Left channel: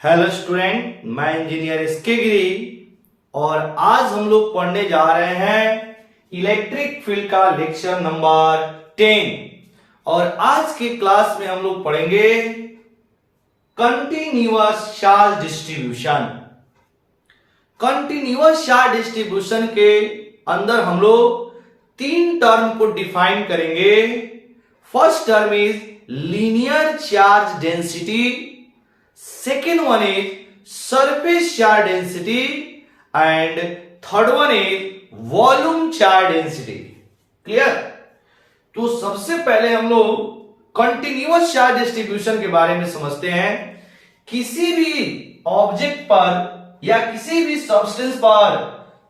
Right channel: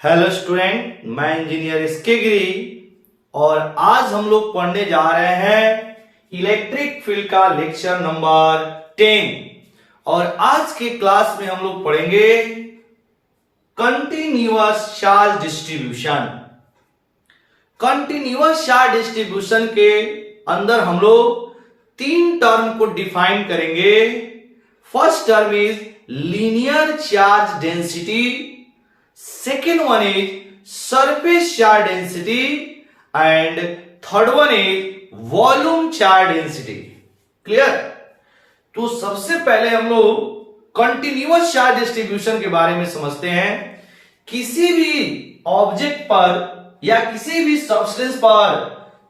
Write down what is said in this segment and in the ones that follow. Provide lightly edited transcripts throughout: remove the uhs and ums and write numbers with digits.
Hello student, मैं engineer SK गिरी और आज हम लोग पढ़ने जा रहे हैं इलेक्ट्रिक फील्ड का लेक्चर नंबर 10। और आज के क्लास में हम लोग पढ़ेंगे continuous charge distribution. Continuous charge distribution के अंदर हम लोग तीन टर्म को डिफाइन करेंगे। First term is linear charge density, second one is surface charge density and third one is volume charge density। Clear? तो सबसे पहले हम लोग कंटिन्यूअस चार्ज डिस्ट्रीब्यूशन के बारे में समझते हैं। किसी भी ऑब्जेक्ट पर या किसी भी सब्सटेंस पर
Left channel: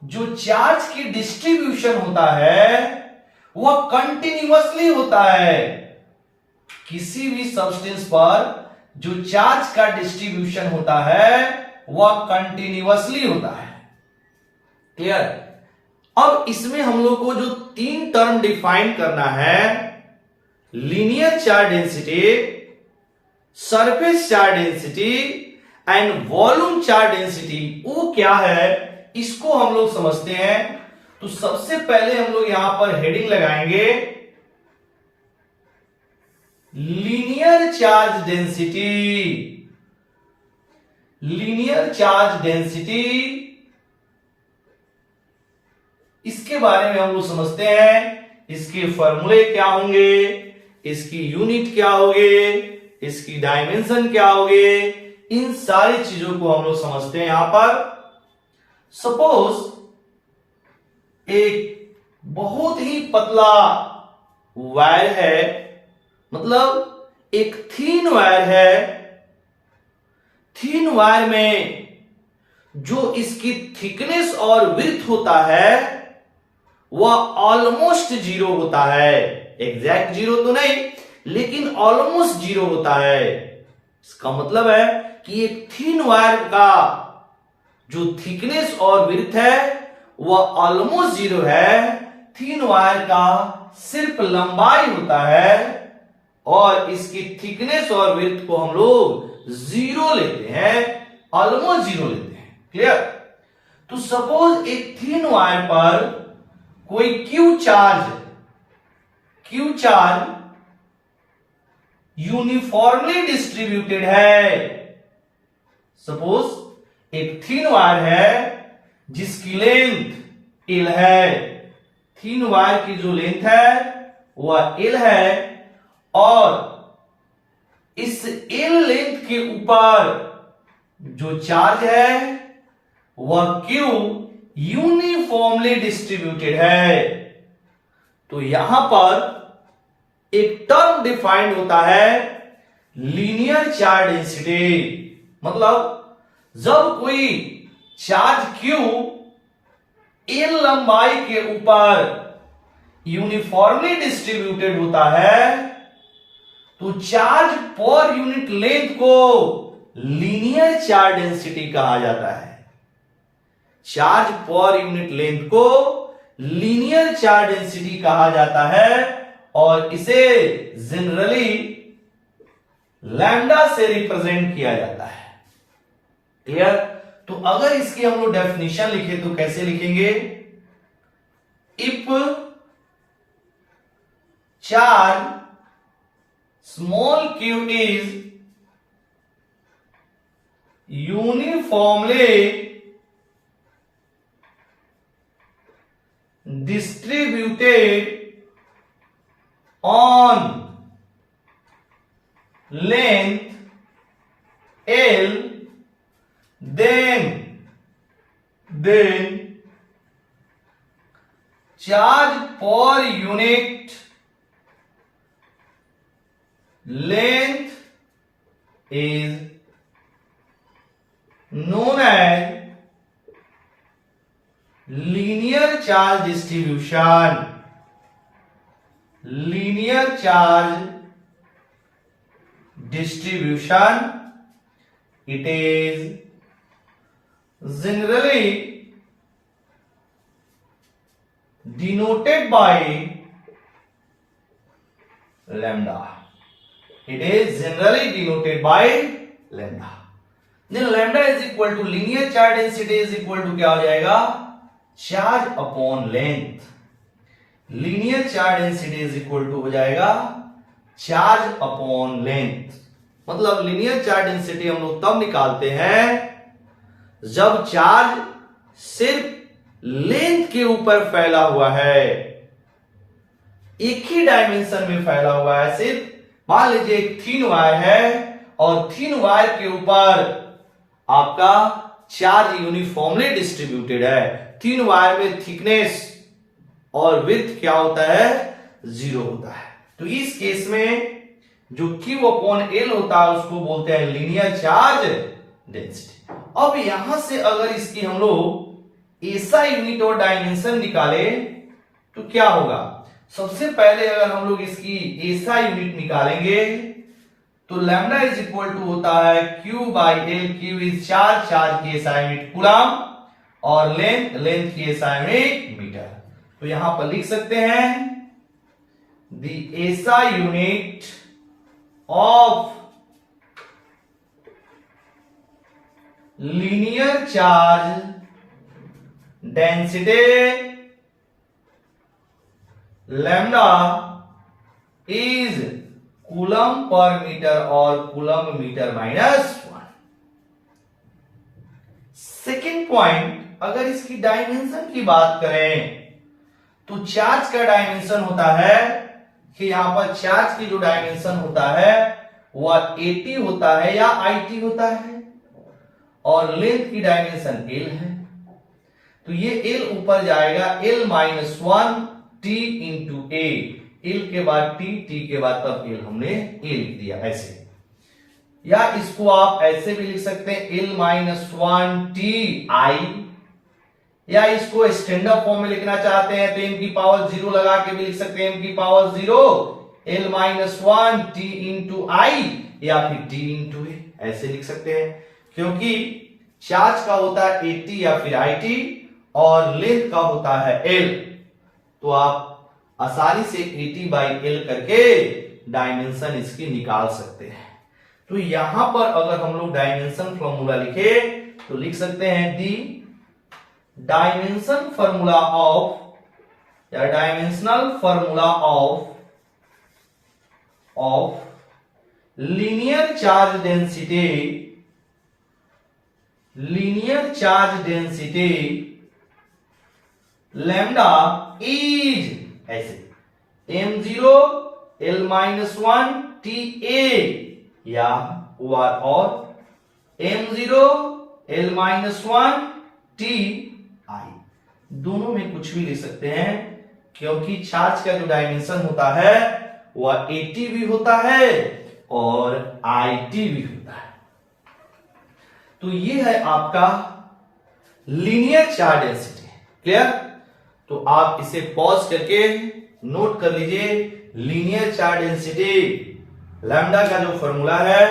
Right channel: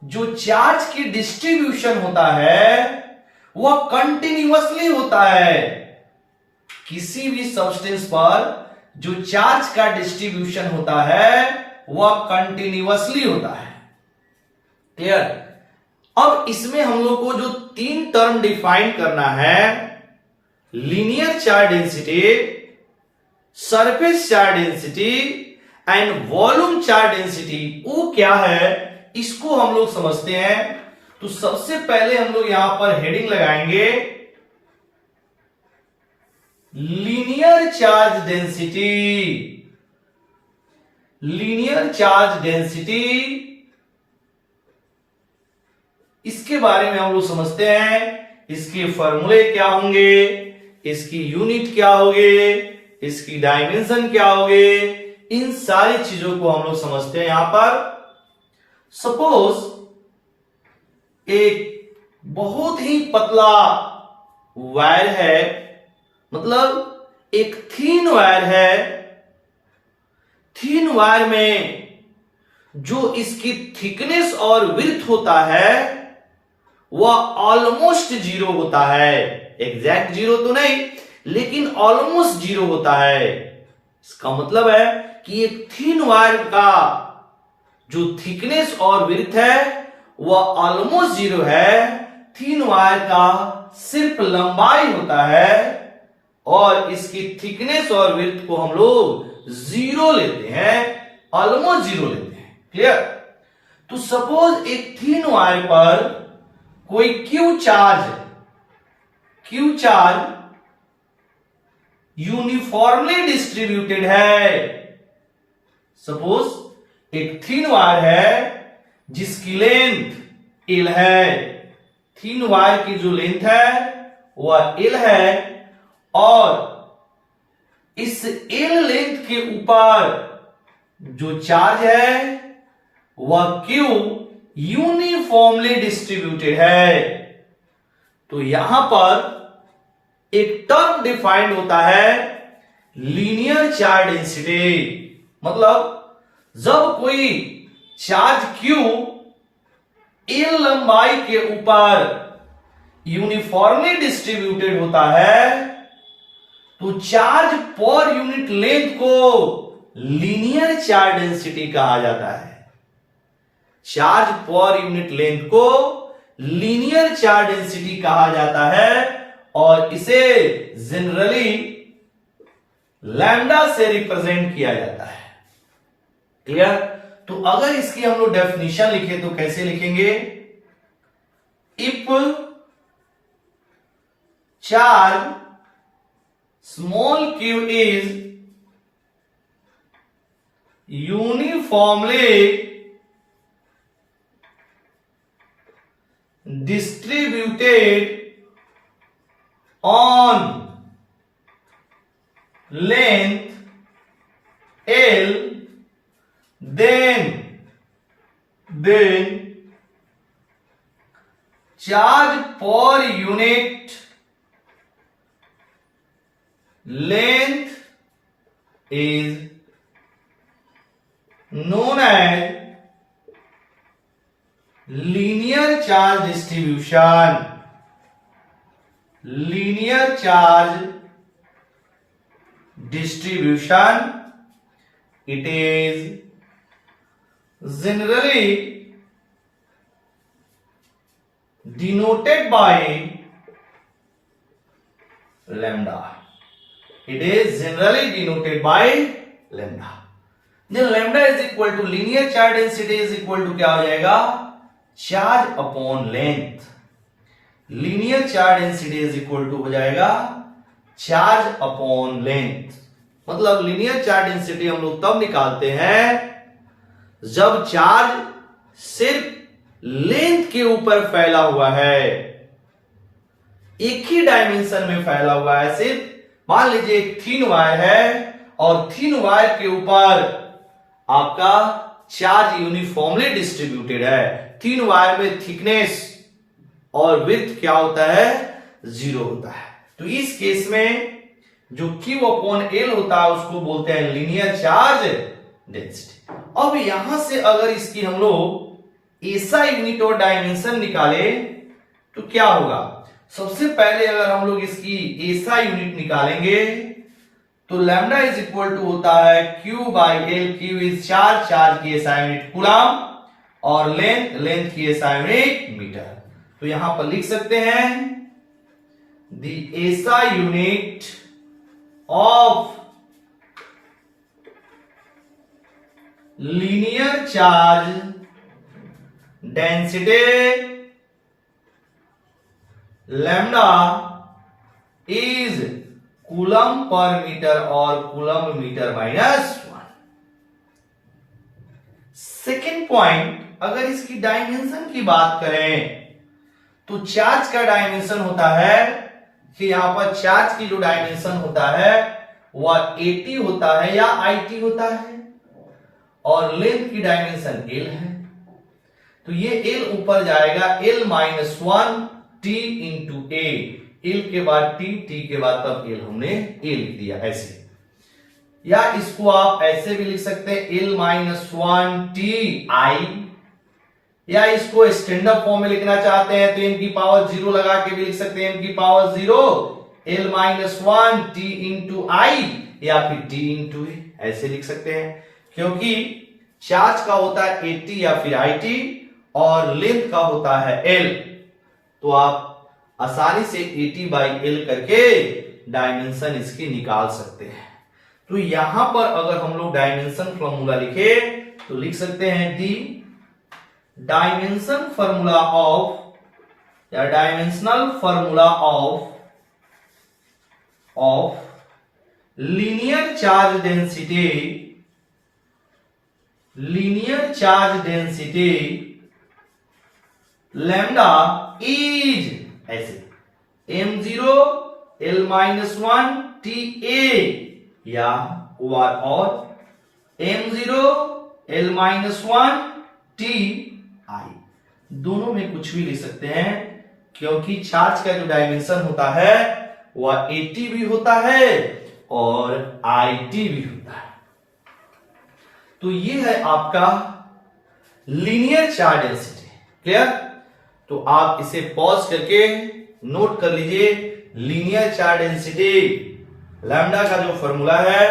जो चार्ज की डिस्ट्रीब्यूशन होता है वह कंटिन्यूअसली होता है। किसी भी सब्सटेंस पर जो चार्ज का डिस्ट्रीब्यूशन होता है वह कंटिन्यूअसली होता है। क्लियर? अब इसमें हम लोग को जो तीन टर्म डिफाइन करना है, linear charge density, surface charge density and volume charge density, वो क्या है इसको हम लोग समझते हैं। तो सबसे पहले हम लोग यहां पर हेडिंग लगाएंगे linear charge density. Linear charge density, इसके बारे में हम लोग समझते हैं। इसके फॉर्मूले क्या होंगे, इसकी यूनिट क्या होंगे, इसकी डायमेंशन क्या होंगे, इन सारी चीजों को हम लोग समझते हैं। यहां पर सपोज एक बहुत ही पतला वायर है, मतलब एक थीन वायर है। थीन वायर में जो इसकी थिकनेस और विड्थ होता है वह ऑलमोस्ट जीरो होता है। एग्जैक्ट जीरो तो नहीं, लेकिन ऑलमोस्ट जीरो होता है। इसका मतलब है कि एक थीन वायर का जो थिकनेस और विड्थ है वह ऑलमोस्ट जीरो है। थीन वायर का सिर्फ लंबाई होता है और इसकी थिकनेस और विड्थ को हम लोग जीरो लेते हैं, ऑलमोस्ट जीरो लेते हैं। क्लियर? तो सपोज एक थीन वायर पर कोई क्यू चार्ज यूनिफॉर्मली डिस्ट्रीब्यूटेड है। सपोज एक थीन वायर है जिसकी लेंथ एल है। थीन वायर की जो लेंथ है वह एल है और इस एल लेंथ के ऊपर जो चार्ज है वह क्यू यूनिफॉर्मली डिस्ट्रीब्यूटेड है। तो यहां पर एक टर्म डिफाइंड होता है लीनियर चार्ज डेंसिटी। मतलब जब कोई चार्ज क्यू एल लंबाई के ऊपर यूनिफॉर्मली डिस्ट्रीब्यूटेड होता है तो चार्ज पर यूनिट लेंथ को लीनियर चार्ज डेंसिटी कहा जाता है। चार्ज पर यूनिट लेंथ को लीनियर चार्ज डेंसिटी कहा जाता है और इसे जनरली लैम्डा से रिप्रेजेंट किया जाता है। क्लियर? तो अगर इसकी हम लोग डेफिनेशन लिखे तो कैसे लिखेंगे? If charge small q is uniformly distributed on length L, then charge per unit length is known as linear charge distribution। linear charge distribution, it is generally denoted by lambda। It is generally denoted by lambda। Then lambda is equal to linear charge density is equal to क्या हो जाएगा, charge upon length. Linear charge density is equal to हो जाएगा charge upon length. मतलब linear charge density हम लोग तब निकालते हैं जब चार्ज सिर्फ लेंथ के ऊपर फैला हुआ है, एक ही डायमेंशन में फैला हुआ है। सिर्फ मान लीजिए एक थिन वायर है और थिन वायर के ऊपर आपका चार्ज यूनिफॉर्मली डिस्ट्रीब्यूटेड है। थिन वायर में थिकनेस और विड्थ क्या होता है, 0 होता है। तो इस केस में जो Q अपॉन L होता है उसको बोलते हैं लीनियर चार्ज डेंसिटी। अब यहां से अगर इसकी हम लोग ऐसा यूनिट और डायमेंशन निकाले तो क्या होगा, सबसे पहले अगर हम लोग इसकी ऐसा यूनिट निकालेंगे तो लैम्डा इज इक्वल टू होता है Q by L। Q is charge, charge की ऐसा यूनिट कूलम, और लेंथ, लेंथ की ऐसा यूनिट मीटर। तो यहां पर लिख सकते हैं द ऐसा unit of linear charge density lambda is coulomb पर मीटर और कूलम मीटर -1। सेकेंड पॉइंट, अगर इसकी डायमेंशन की बात करें तो चार्ज का डायमेंशन होता है कि यहां पर चार्ज की जो डायमेंशन होता है वह 80 होता है या IT होता है, और लेंथ की डायमेंशन L है। तो ये L ऊपर जाएगा, L -1 T into A। L के बाद T के बाद तब L हमने A लिख दिया ऐसे। या इसको आप ऐसे भी लिख सकते हैं L -1 TI, या इसको स्टैंडर्ड फॉर्म में लिखना चाहते हैं तो m की पावर 0 लगा के भी लिख सकते हैं, m की power 0 L -1 T into I, या फिर T इंटू A ऐसे लिख सकते हैं। क्योंकि चार्ज का होता है 80 या फिर IT और लेंथ का होता है L, तो आप आसानी से 80 बाई L करके डायमेंशन इसकी निकाल सकते हैं। तो यहां पर अगर हम लोग डायमेंशन फॉर्मूला लिखे तो लिख सकते हैं दी डायमेंशन फॉर्मूला ऑफ या dimensional formula of linear charge density lambda is ऐसे m0 L -1 TA, या और m0 L -1 TI। दोनों में कुछ भी लिख सकते हैं क्योंकि चार्ज का जो डायमेंशन होता है वह 80 भी होता है और IT भी होता है। तो ये है आपका लीनियर चार्ज डेंसिटी। क्लियर? तो आप इसे पॉज करके नोट कर लीजिए। लीनियर चार्ज डेंसिटी लैम्डा का जो फॉर्मूला है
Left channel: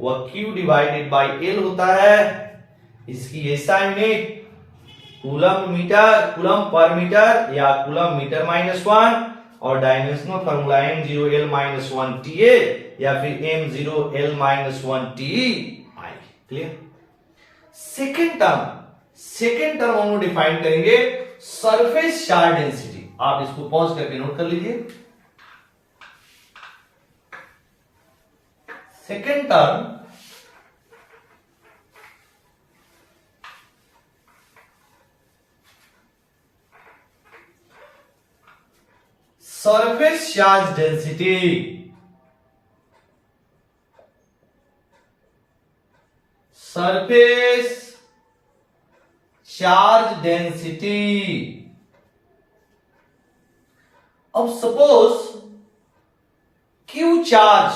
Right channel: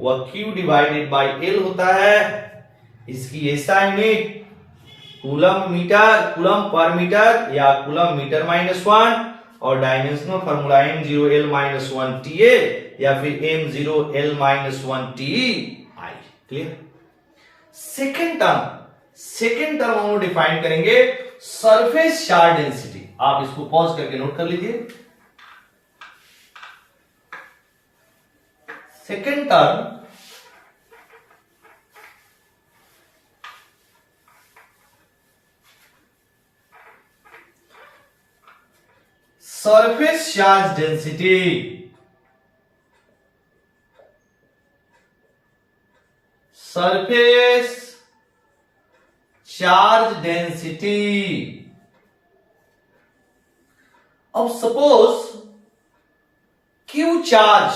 वह Q डिवाइडेड बाई L होता है। इसकी ऐसा यूनिट कूलम पर मीटर या कूलम मीटर -1, और dimensional formula m0 L -1 TA या फिर m0 L -1 TI। Clear? Second term हम लोग डिफाइन करेंगे सरफेस चार्ज डेंसिटी। आप इसको पॉज करके नोट कर लीजिए। Second term surface charge density अब सपोज Q चार्ज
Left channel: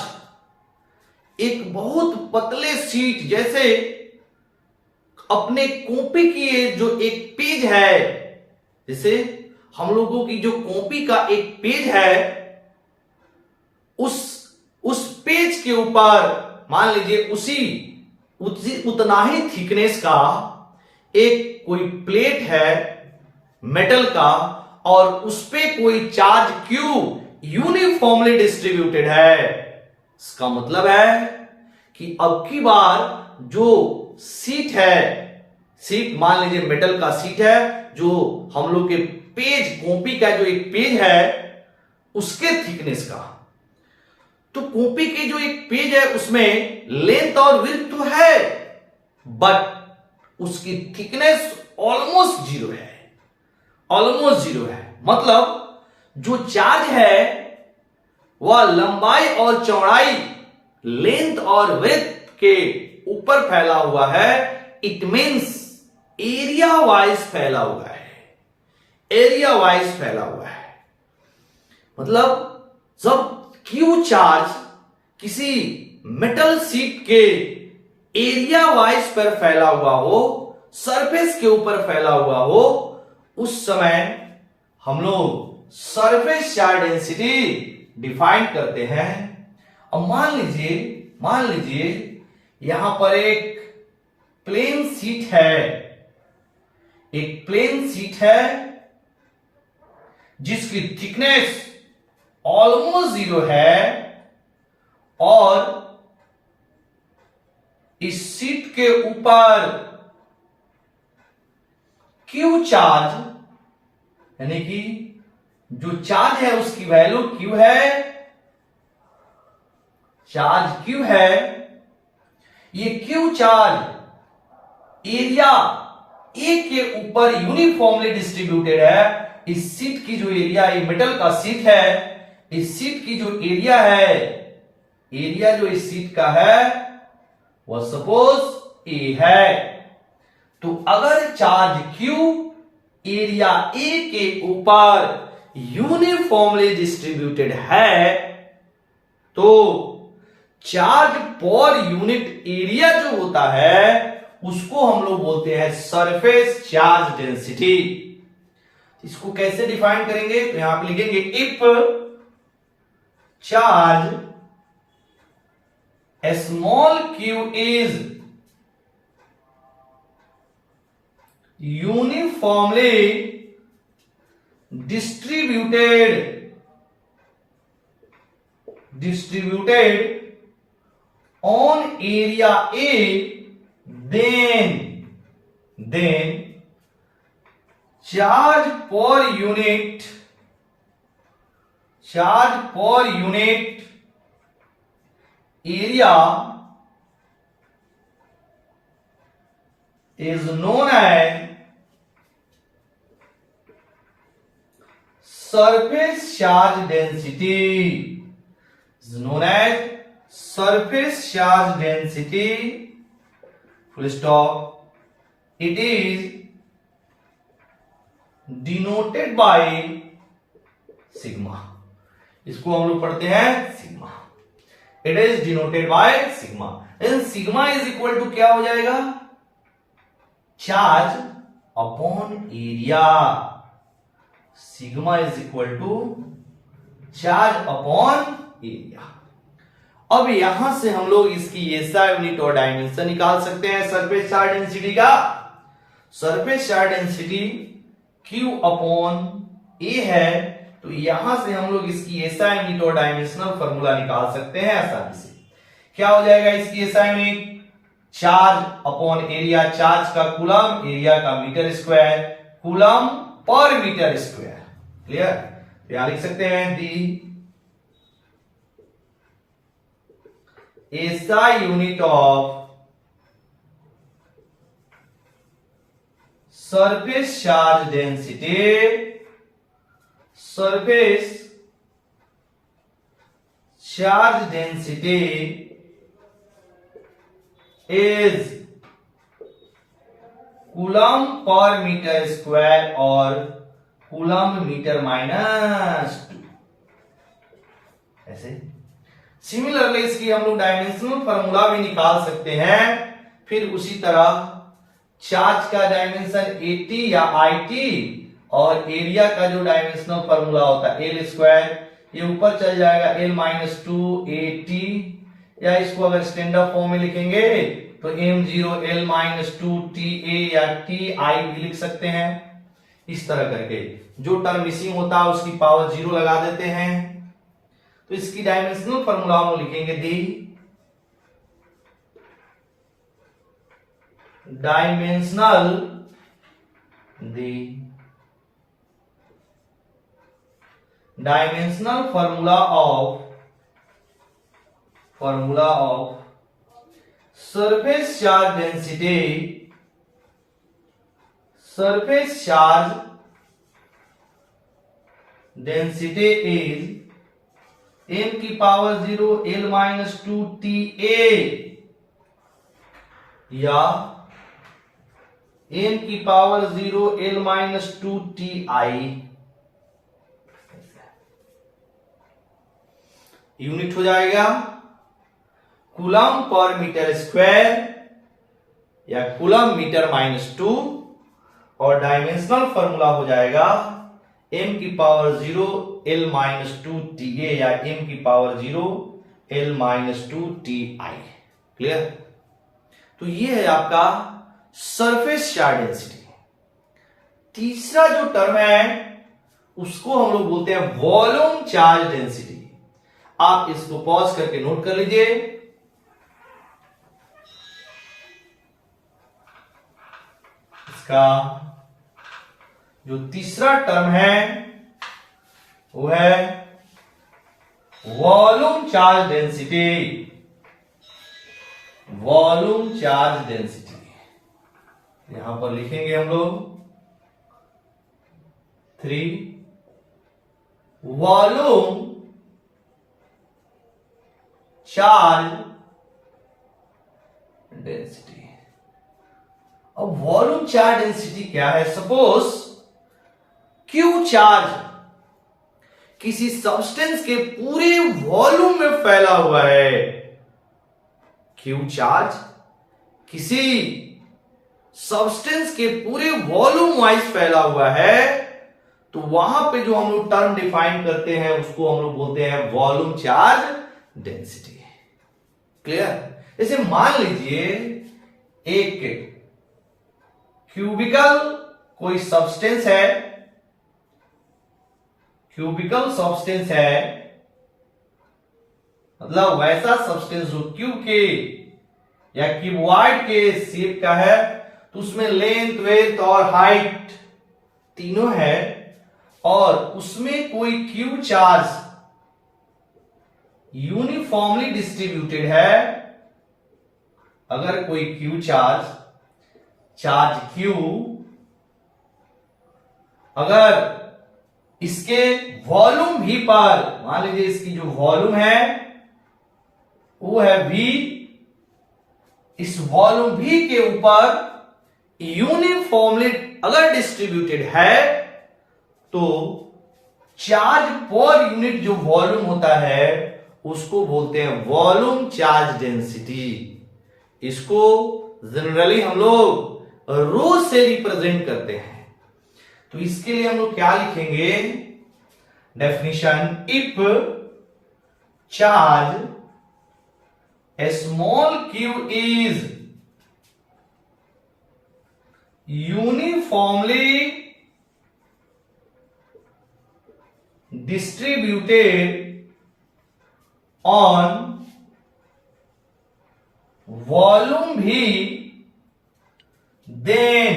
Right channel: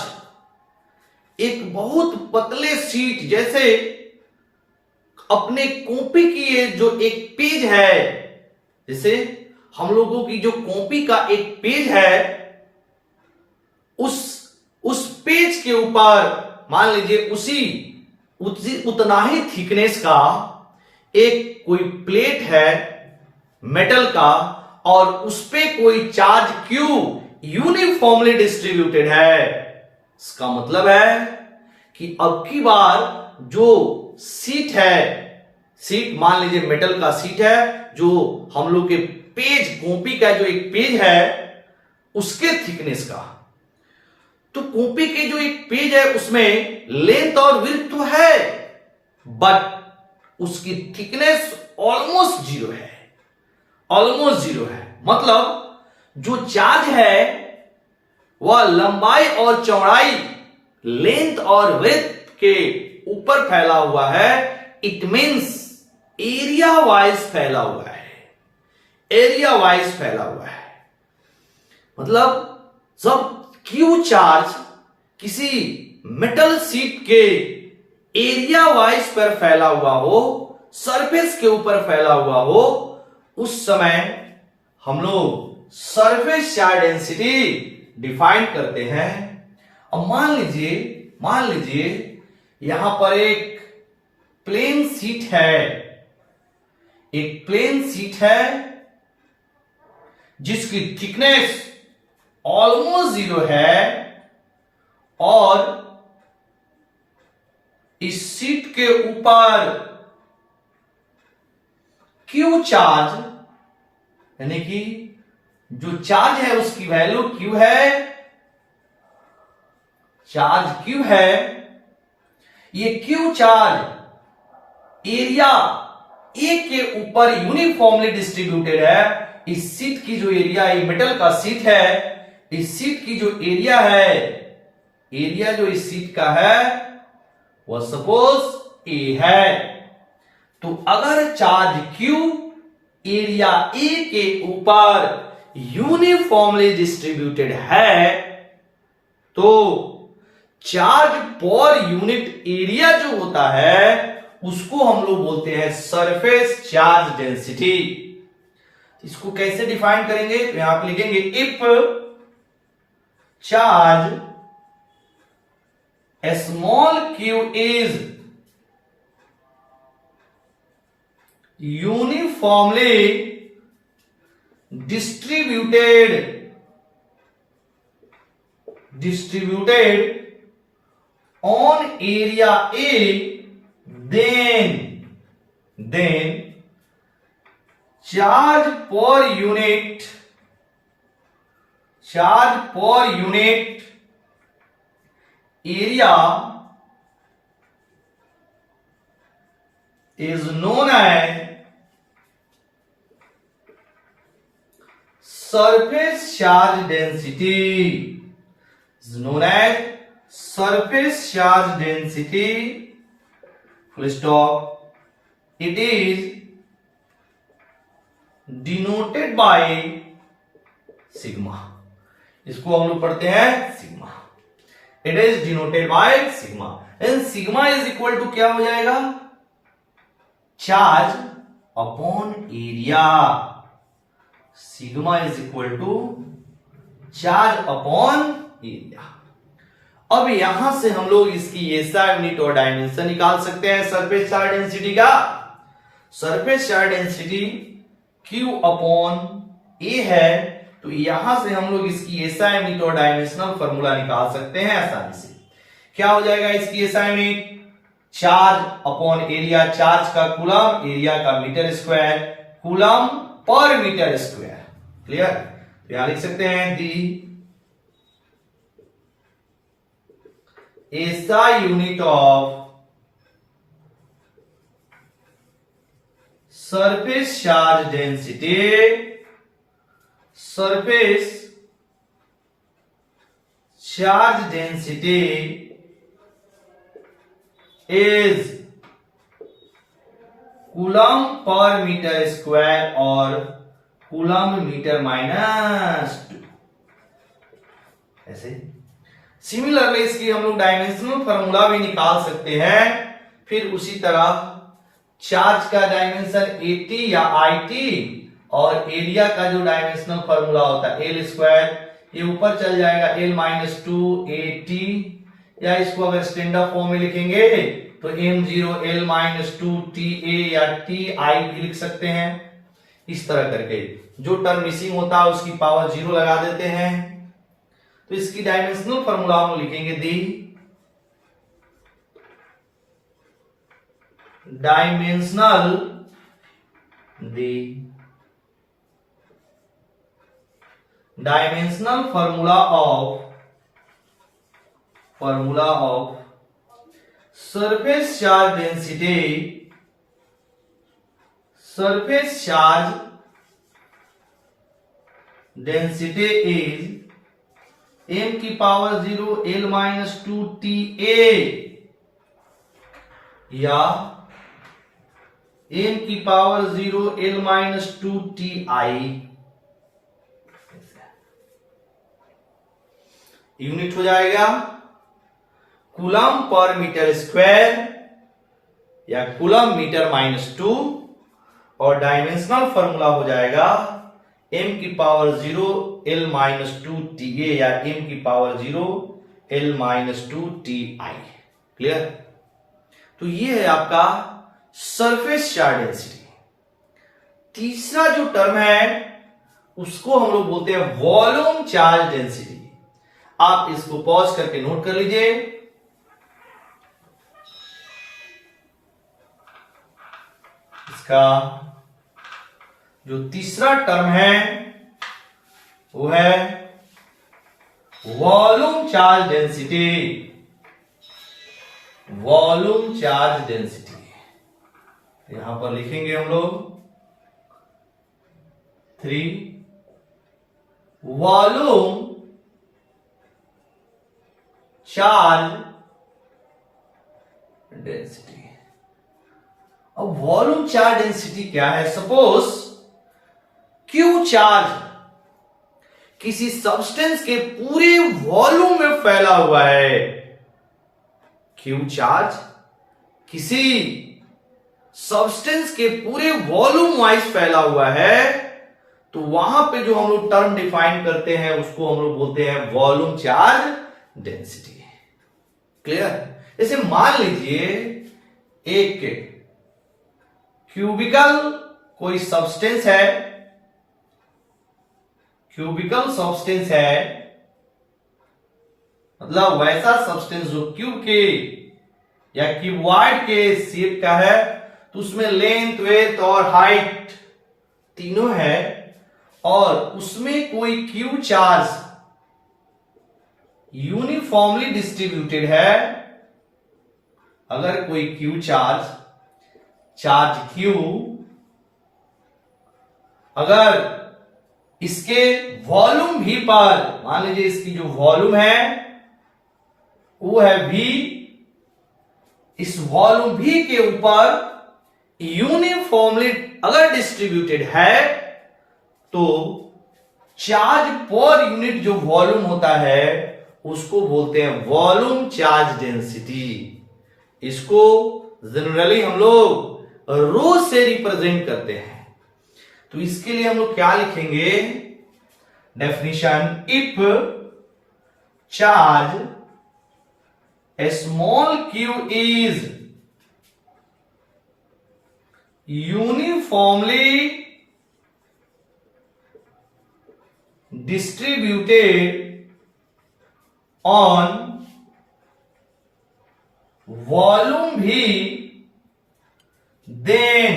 एक बहुत पतले शीट, जैसे अपने कॉपी की ये जो एक पेज है, जैसे हम लोगों की जो कॉपी का एक पेज है, उस पेज के ऊपर मान लीजिए उतना ही थिकनेस का एक कोई प्लेट है मेटल का, और उस पे कोई चार्ज Q यूनिफॉर्मली डिस्ट्रीब्यूटेड है। इसका मतलब है कि अब की बार जो सीट है, सीट मान लीजिए मेटल का सीट है, जो हम लोग के पेज, कॉपी का जो एक पेज है उसके थिकनेस का। तो कॉपी के जो एक पेज है उसमें लेंथ और विड्थ तो है, बट उसकी थिकनेस ऑलमोस्ट जीरो है, ऑलमोस्ट जीरो है। मतलब जो चार्ज है वह लंबाई और चौड़ाई, लेंथ और विड्थ के ऊपर फैला हुआ है। इट मींस एरिया वाइज फैला हुआ है, एरिया वाइज फैला हुआ है। मतलब जब क्यू चार्ज किसी मेटल शीट के एरिया वाइज पर फैला हुआ हो, सरफेस के ऊपर फैला हुआ हो, उस समय हम लोग सरफेस चार्ज डेंसिटी डिफाइन करते हैं। अब मान लीजिए यहां पर एक प्लेन शीट है, एक प्लेन शीट है जिसकी थिकनेस ऑलमोस्ट जीरो है, और इस शीट के ऊपर क्यू चार्ज, यानी कि जो चार्ज है उसकी वैल्यू क्यू है, चार्ज क्यू है। ये क्यू चार्ज एरिया ए के ऊपर यूनिफॉर्मली डिस्ट्रीब्यूटेड है। इस शीट की जो एरिया, ये मेटल का शीट है, इस शीट की जो एरिया है, एरिया जो इस शीट का है वह सपोज ए है। तो अगर चार्ज क्यू एरिया ए के ऊपर यूनिफॉर्मली डिस्ट्रीब्यूटेड है, तो चार्ज पर यूनिट एरिया जो होता है उसको हम लोग बोलते हैं सरफेस चार्ज डेंसिटी। इसको कैसे डिफाइन करेंगे? तो यहां पे लिखेंगे if charge small Q is uniformly distributed on area A, then charge per unit area is known as surface charge density, is known as surface charge density, full stop. It is denoted by sigma. इसको हम लोग पढ़ते हैं sigma. It is denoted by sigma, and sigma is equal to क्या हो जाएगा? Charge upon area. Sigma is equal to charge upon area. अब यहां से हम लोग इसकी एसआई यूनिट और डायमेंशन निकाल सकते हैं सरफेस चार्ज डेंसिटी का। Surface charge density Q upon A है, तो यहां से हम लोग इसकी एसआई यूनिट और डायमेंशनल फॉर्मूला निकाल सकते हैं आसानी से। क्या हो जाएगा इसकी SI unit? Charge upon area, charge का कूलम, एरिया का मीटर स्क्वायर, कूलम पर मीटर स्क्वायर। क्लियर? तो यहां लिख सकते हैं the SI unit of surface charge density, surface charge density is coulomb पर मीटर स्क्वायर और कूलम मीटर माइनस 2। ऐसे सिमिलरली इसकी हम लोग डायमेंशनल फार्मूला भी निकाल सकते हैं। फिर उसी तरह चार्ज का डायमेंशन AT या IT और एरिया का जो डायमेंशनल फार्मूला होता है L स्क्वायर, ये ऊपर चल जाएगा L माइनस 2AT, या इसको अगर स्टैंडर्ड फॉर्म में लिखेंगे तो M0 L माइनस 2TA या TI भी लिख सकते हैं। इस तरह करके जो टर्म मिसिंग होता है उसकी पावर 0 लगा देते हैं। तो इसकी डायमेंशनल फार्मूला हम लिखेंगे the dimensional formula of surface charge density is m की पावर 0 l माइनस 2 ta या m की power 0 l minus 2 ti। Unit हो जाएगा कूलम पर मीटर स्क्वायर या कूलम मीटर माइनस 2 और डायमेंशनल फॉर्मूला हो जाएगा m की पावर 0 l माइनस 2 ta या m की power 0 l minus 2 ti। Clear? तो ये है आपका सरफेस चार्ज डेंसिटी। तीसरा जो टर्म है उसको हम लोग बोलते हैं वॉल्यूम चार्ज डेंसिटी। आप इसको पॉज करके नोट कर लीजिए। इसका जो तीसरा टर्म है वो है volume charge density. Volume charge density यहां पर लिखेंगे हम लोग 3 वॉल्यूम चार्ज डेंसिटी। अब वॉल्यूम चार्ज डेंसिटी क्या है? सपोज क्यू चार्ज किसी सब्सटेंस के पूरे वॉल्यूम में फैला हुआ है। क्यू चार्ज किसी सब्सटेंस के पूरे वॉल्यूम वाइज फैला हुआ है तो वहां पे जो हम लोग टर्म डिफाइन करते हैं उसको हम लोग बोलते हैं वॉल्यूम चार्ज डेंसिटी। क्लियर? जैसे मान लीजिए एक क्यूबिकल कोई सब्सटेंस है, क्यूबिकल सब्सटेंस है मतलब वैसा सब्सटेंस जो क्यूब के या क्यूबॉइड के शेप का है तो उसमें लेंथ वेथ और हाइट तीनों है और उसमें कोई क्यू चार्ज यूनिफॉर्मली डिस्ट्रीब्यूटेड है। अगर कोई क्यू चार्ज क्यू अगर इसके वॉल्यूम भी पर मान लीजिए इसकी जो वॉल्यूम है वो है v, इस वॉल्यूम v के ऊपर यूनिफॉर्मली अगर डिस्ट्रीब्यूटेड है तो चार्ज पर यूनिट जो वॉल्यूम होता है उसको बोलते हैं वॉल्यूम चार्ज डेंसिटी। इसको जनरली हम लोग रो से रिप्रेजेंट करते हैं। तो इसके लिए हम लोग क्या लिखेंगे? Definition if charge A small Q is uniformly distributed on volume V, then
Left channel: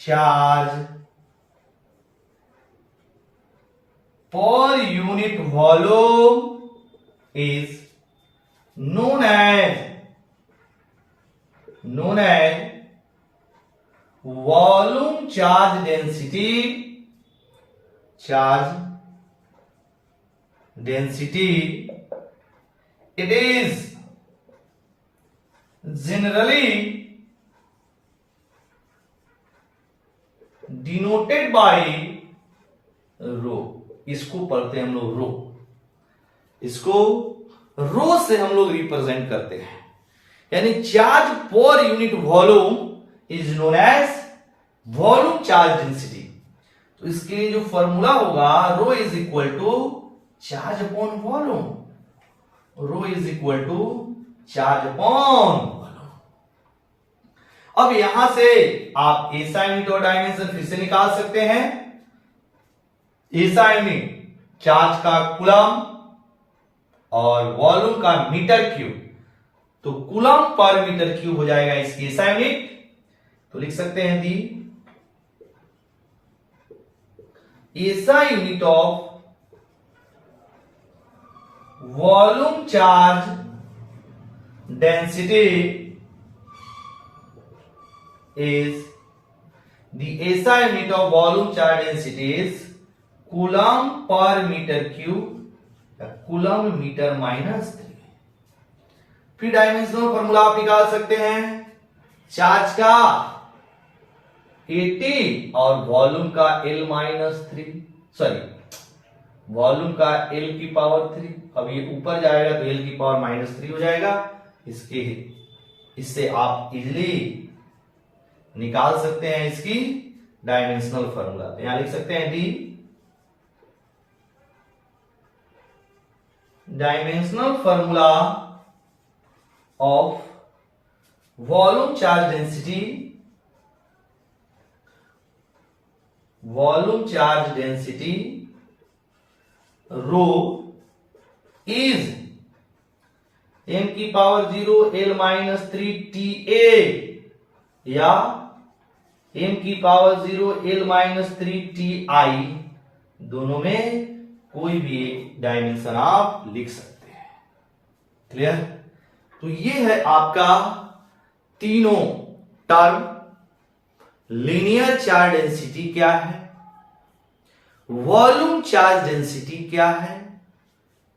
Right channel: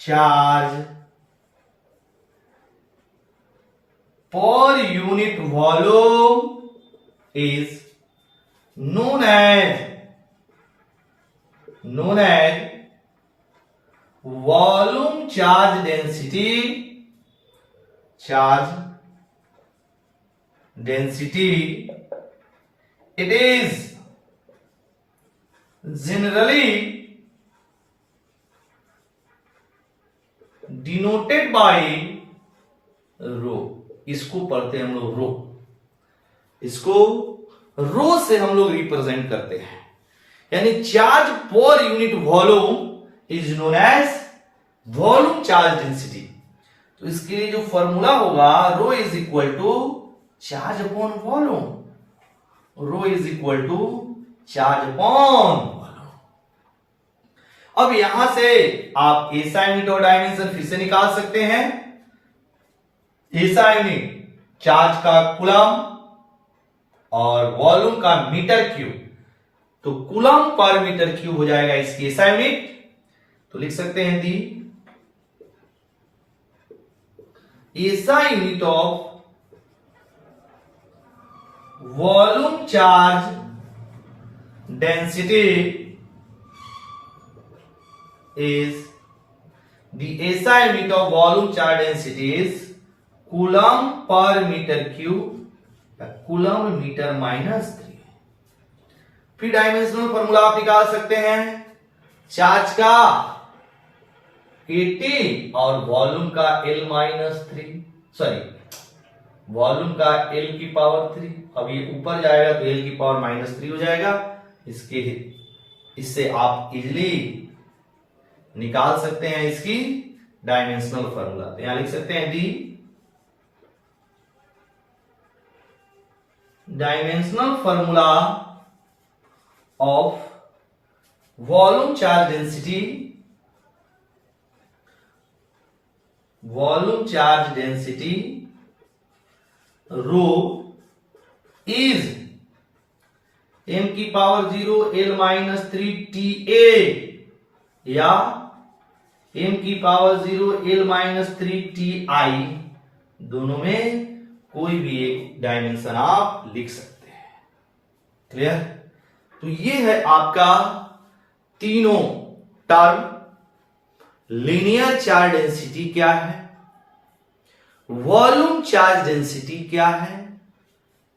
charge per unit volume is known as volume charge density। Charge density, it is generally denoted by रो। इसको पढ़ते हैं हम लोग रो, इसको रो से हम लोग रिप्रेजेंट करते हैं। यानी चार्ज पर unit volume is known as volume charge density. तो इसके लिए जो फॉर्मूला होगा rho is equal to charge upon volume. Rho is equal to charge upon volume. अब यहां से आप एसआई यूनिट और डायमेंशन फिर से निकाल सकते हैं। एसआई यूनिट चार्ज का कूलम और वॉल्यूम का मीटर क्यूब। तो कूलम पर मीटर क्यूब हो जाएगा इसकी SI यूनिट। तो लिख सकते हैं the SI unit of volume charge density is the SI unit of volume charge density is coulomb per meter cube या coulomb meter minus 3। फिर डायमेंशनल फॉर्मूला आप निकाल सकते हैं चार्ज का 80 और वॉल्यूम का L माइनस 3, सॉरी वॉल्यूम का L की पावर 3। अब ये ऊपर जाएगा तो L की पावर माइनस 3 हो जाएगा। इससे आप इजिली निकाल सकते हैं इसकी डायमेंशनल फॉर्मूला। तो यहां लिख सकते हैं the dimensional formula of volume charge density, volume charge density rho is m की पावर 0 L माइनस 3 TA या m की पावर 0 L माइनस 3 TI, दोनों में कोई भी एक डायमेंशन आप लिख सकते हैं। क्लियर? तो ये है आपका तीनों टर्म। लीनियर चार्ज डेंसिटी क्या है, वॉल्यूम चार्ज डेंसिटी क्या है,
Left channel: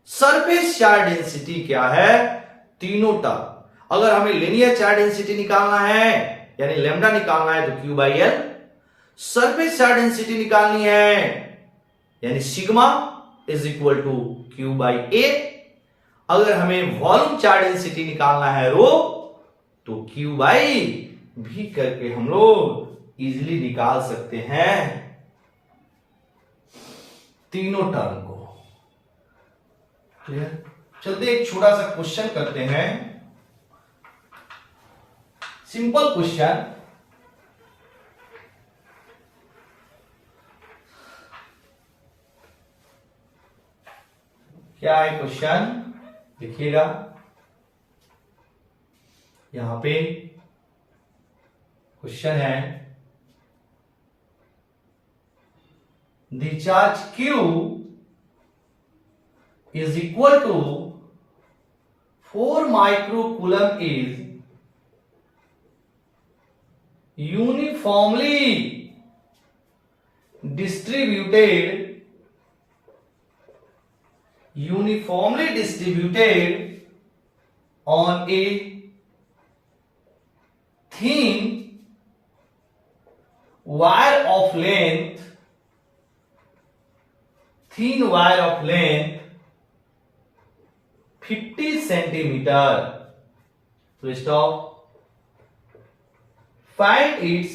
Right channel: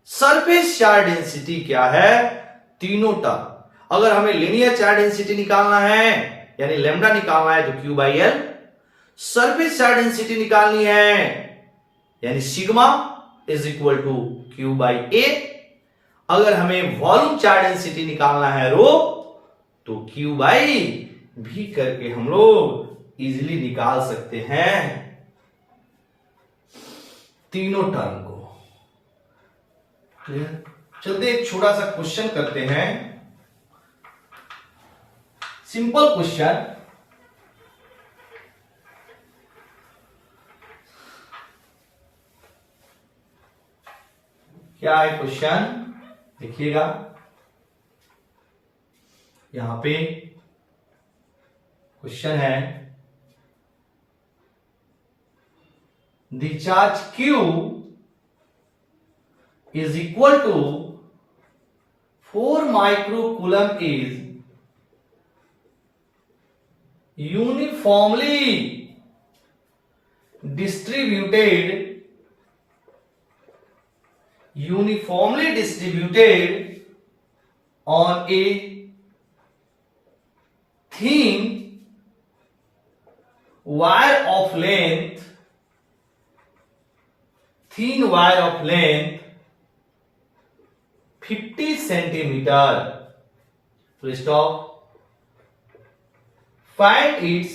सरफेस चार्ज डेंसिटी क्या है, तीनों टर्म। अगर हमें लीनियर चार्ज डेंसिटी निकालना है यानी लैम्डा निकालना है तो Q by L, surface charge density निकालनी है यानी sigma is equal to Q by A। अगर हमें वॉल्यूम चार्ज डेंसिटी निकालना है रो तो Q बाई भी करके हम लोग इजिली निकाल सकते हैं तीनों टर्म को। क्लियर? चलते एक छोटा सा क्वेश्चन करते हैं, सिंपल क्वेश्चन। क्या है क्वेश्चन देखिएगा, यहां पे क्वेश्चन है the charge Q is equal to 4 microcoulomb is uniformly distributed on a thin wire of length 50 centimeter. So stop. Find its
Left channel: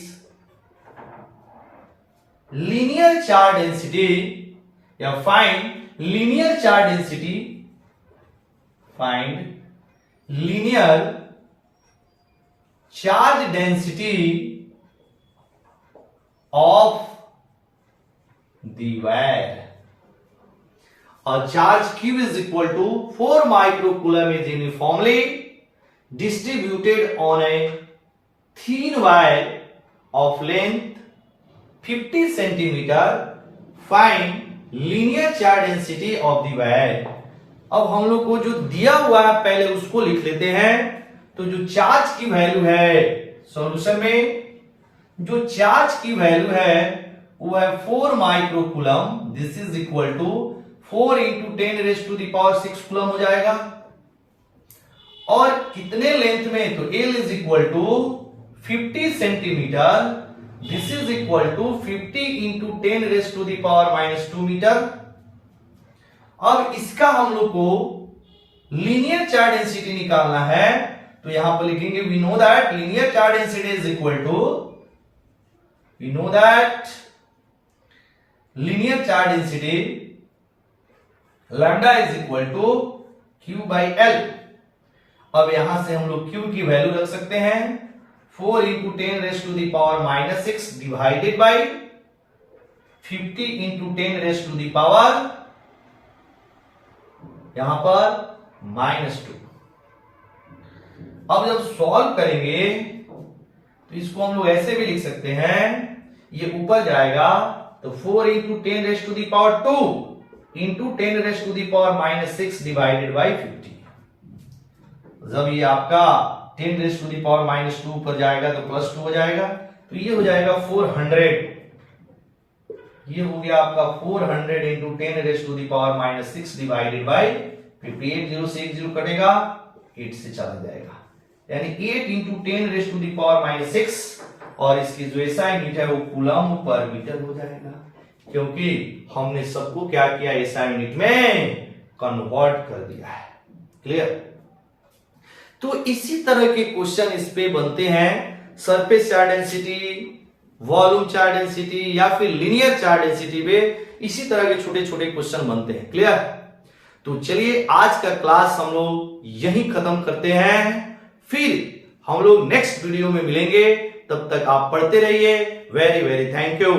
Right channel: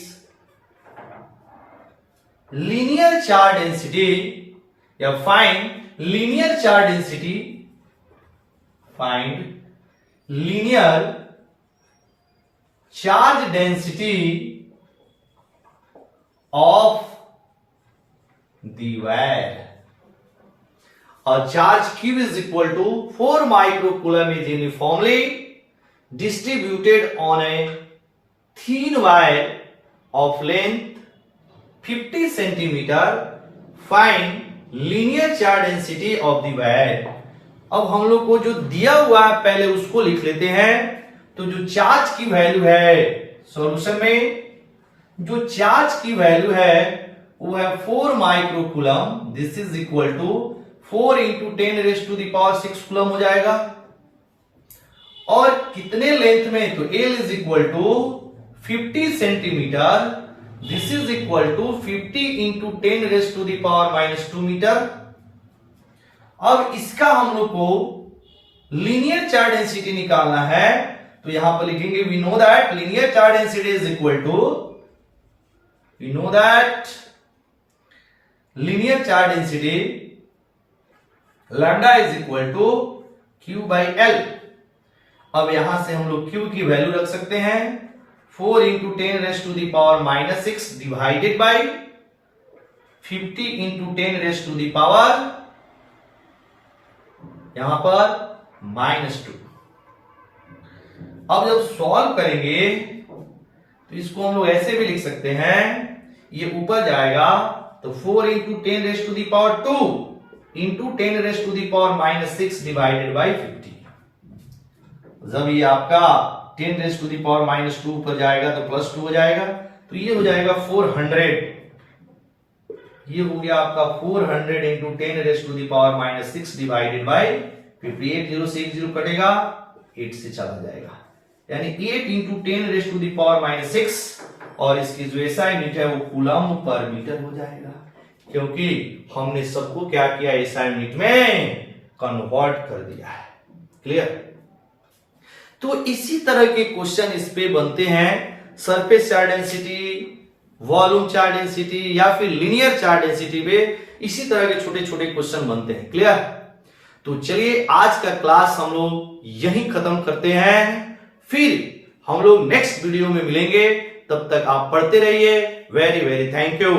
linear charge density या find linear charge density. Find linear charge density of the wire. और charge Q is equal to 4 microcoulomb is uniformly distributed on a thin wire of length 50 centimeter. Find linear charge density of the wire. अब हम लोग को जो दिया हुआ है पहले उसको लिख लेते हैं। तो जो चार्ज की वैल्यू है सॉल्यूशन में, जो चार्ज की वैल्यू है वो है 4 microcoulomb. This is equal to 4 into 10 raise to the power 6 coulomb हो जाएगा। और कितने लेंथ में, तो L is equal to 50 centimetre. This is equal to 50 into 10 raise to the power minus 2 metre. अब इसका हम लोग को लीनियर चार्ज डेंसिटी निकालना है। तो यहां पर लिखेंगे we know that linear charge density is equal to, we know that linear charge density lambda is equal to Q by L। अब यहां से हम लोग Q की वैल्यू रख सकते हैं 4 into 10 raise to the power minus 6 divided by 50 into 10 raise to the power यहां पर -2। अब जब सॉल्व करेंगे तो इसको हम लोग ऐसे भी लिख सकते हैं, ये ऊपर जाएगा तो 4 into 10 raise to the power 2 into 10 raise to the power minus 6 divided by 50। जब ये आपका 10 raise to the power minus 2 पर जाएगा तो प्लस 2 हो जाएगा, तो ये हो जाएगा 400। ये हो गया आपका 400 into 10 raise to the power minus 6 divided by 50। 8 0 से 1 0 कटेगा, 8 से चला जाएगा, यानी 8 into 10 raise to the power minus 6, और इसकी जो एसआई यूनिट है वो कूलम पर मीटर हो जाएगा, क्योंकि हमने सबको क्या किया, एसआई यूनिट में कन्वर्ट कर दिया है। क्लियर? तो इसी तरह के क्वेश्चन इस पे बनते हैं, surface charge density, volume charge density या फिर लीनियर चार्ज डेंसिटी पे इसी तरह के छोटे छोटे क्वेश्चन बनते हैं। क्लियर? तो चलिए आज का क्लास हम लोग यहीं खत्म करते हैं, फिर हम लोग नेक्स्ट वीडियो में मिलेंगे। तब तक आप पढ़ते रहिए। Very very thank you.